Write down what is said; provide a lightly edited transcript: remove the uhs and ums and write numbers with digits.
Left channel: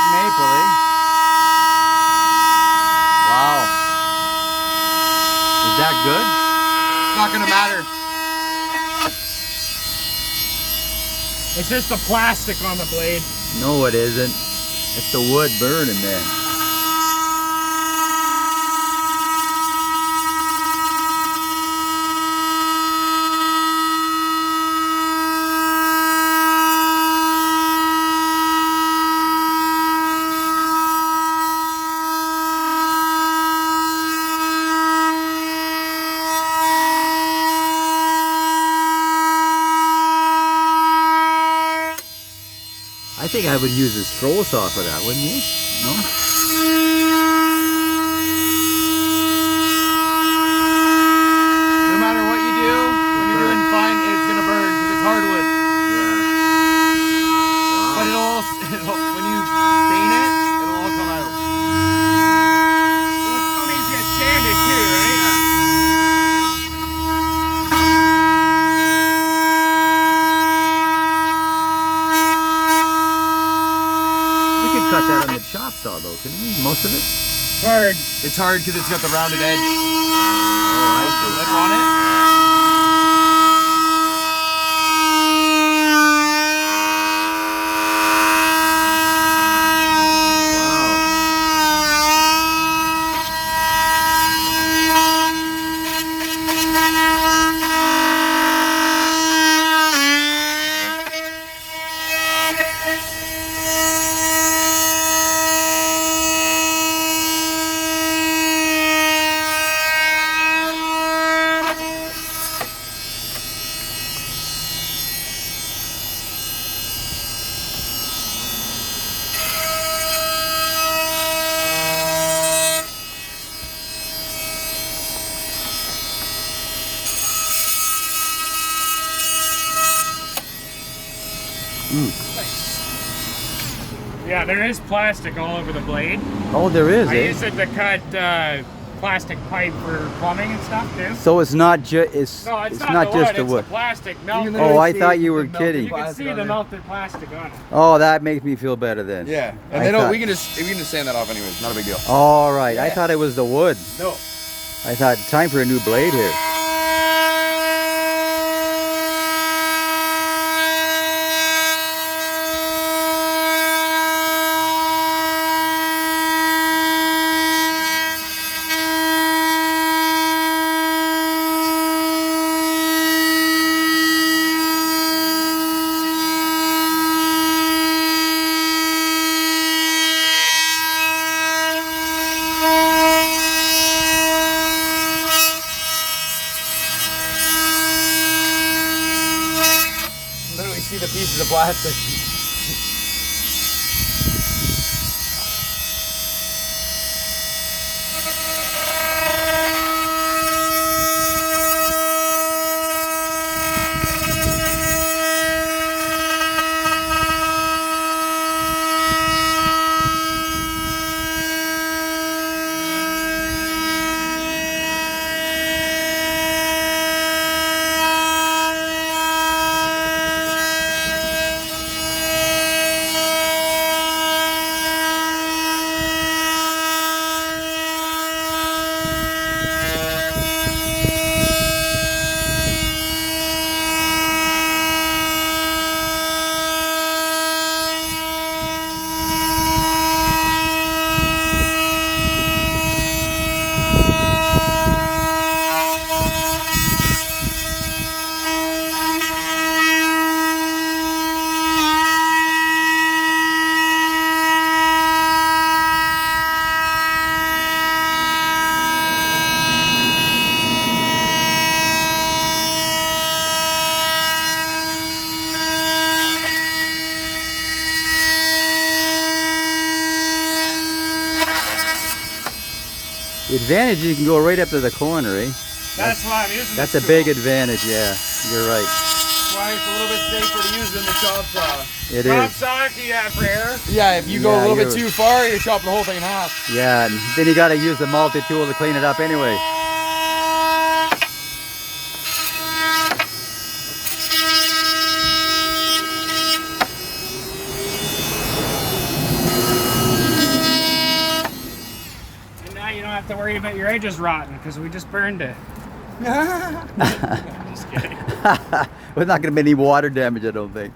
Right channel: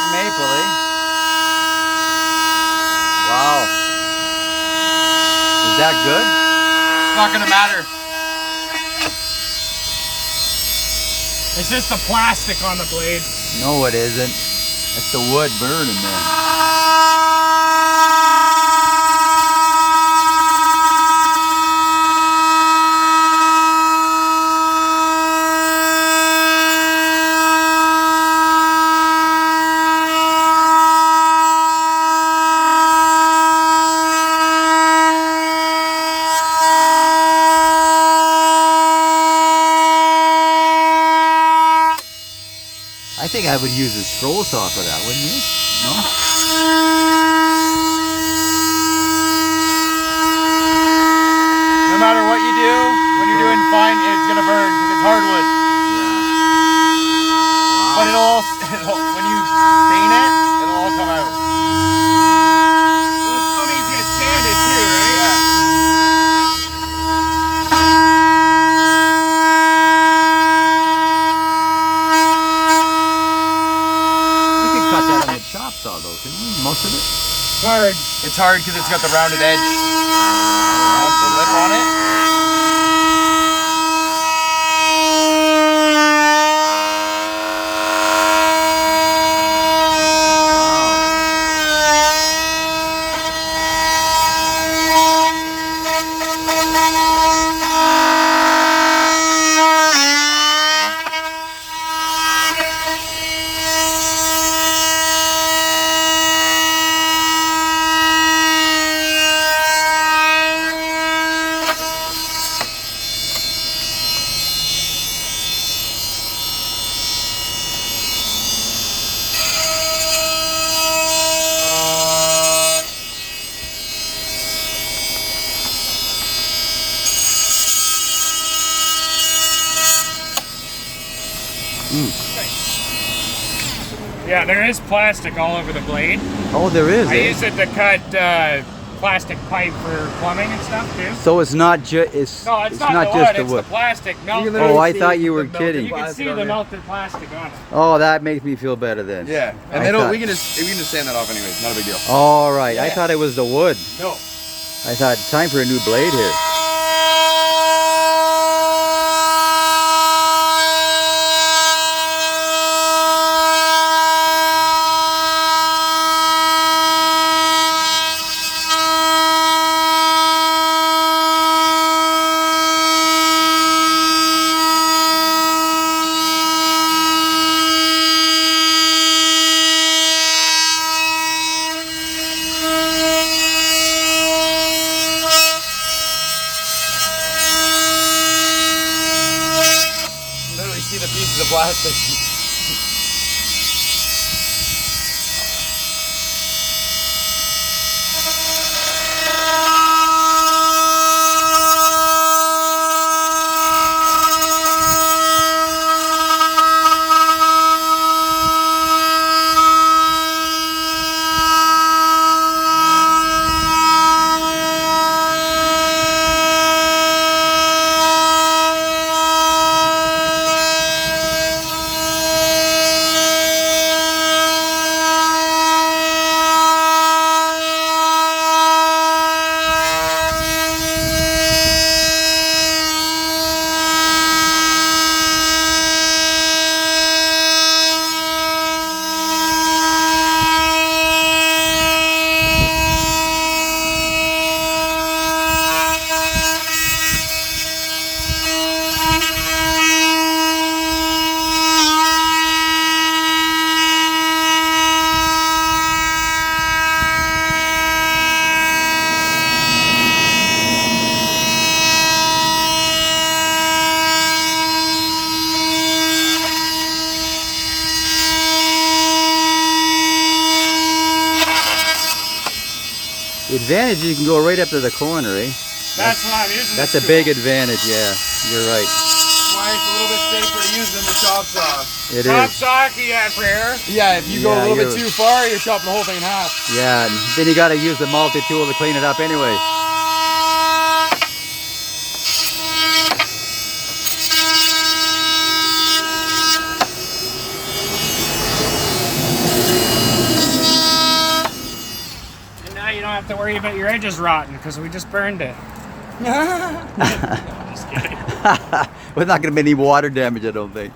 like maple, eh? Wow. Is that good? It's not gonna matter. It's just the plastic on the blade. No, it isn't. It's the wood burning, man. I think I would use a scroll saw for that, wouldn't you? No? No matter what you do, when you're doing fine, it's gonna burn because it's hardwood. Yeah. But when you stain it, it'll all come out. Well, it still needs to get sanded too, right? Yeah. Cut that on the chop saw though, couldn't we? Most of it? It's hard. It's hard because it's got the rounded edge. The lip on it. Yeah, there is plastic all over the blade. Oh, there is, I eh? use it to cut plastic pipe for plumbing and stuff too. So it's not just No, it's not not the just wood, the wood. it's the plastic melted. Oh, I thought you were kidding. You can see the melted plastic on it. Oh, that makes me feel better then. Yeah, and we can just sand that off anyways. Not a big deal. All right, I Yeah. thought it was the wood. No. I thought time for a new blade here. See the pieces of plastic. The advantage is you can go right up to the corner, eh? That's what I'm using. That's a big advantage, yeah. You're right. That's why it's a little bit safer to use than the chop saw. It Chop is. saw, yeah, for air. Yeah, if you go Yeah, a little you're- bit too far, you're chopping the whole thing in half. Yeah, and then you got to use the multi-tool to clean it up anyway. have to worry about your edges rotting because we just burned it. Just kidding. Well, not going to be any water damage, I don't think.